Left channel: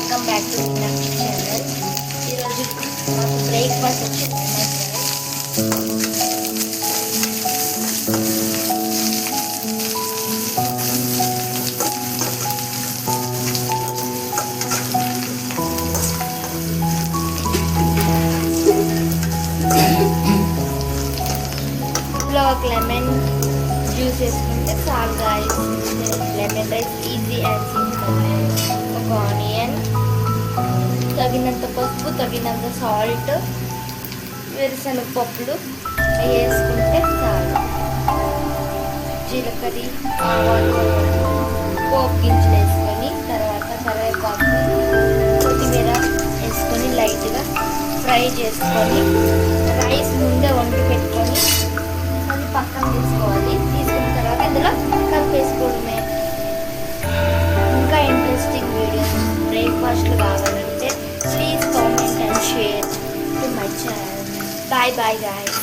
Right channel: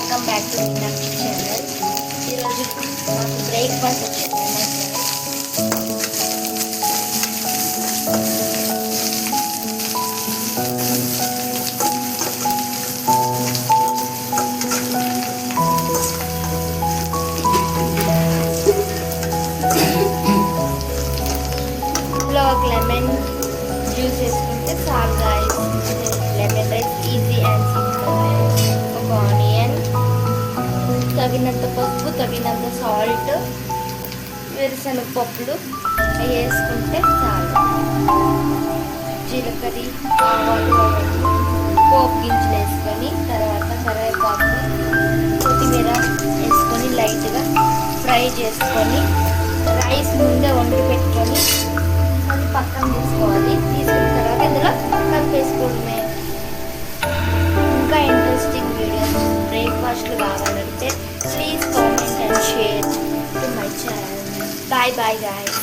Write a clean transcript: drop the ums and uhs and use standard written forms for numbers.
Welcome back to Meenakshi channel. ఈరోజు మాకు breakfast వచ్చింది లెమన్ ఇందులో ఒక లెమన్ జ్యూస్ వేసుకుంటే చాలు guys. Lemon rice easy and simple. ఒక ఆనియన్, తగినంత పసుపు, తగినంత సాల్ట్, వేరుశనగ పప్పులు వేసుకుంటే చాలు. జీలకర్ర, ఆవాలు, పోపు గింజలు వేసుకొని తర్వాత కరివేపాకు, కొత్తిమీర వేసుకొని లైట్గా ఫ్రై చేసుకొని రైస్ ముందే వండి పెట్టుకొని అది పక్కన తీసుకోవాలి. తీసుకున్న తర్వాత ఇందులో కలిపేసుకోవడమే. ఇంకా ఇంట్రెస్టింగ్ వీడియోస్ బ్రేక్ఫాస్ట్లు కావాలంటే please comment and share to my channel. Bye bye guys.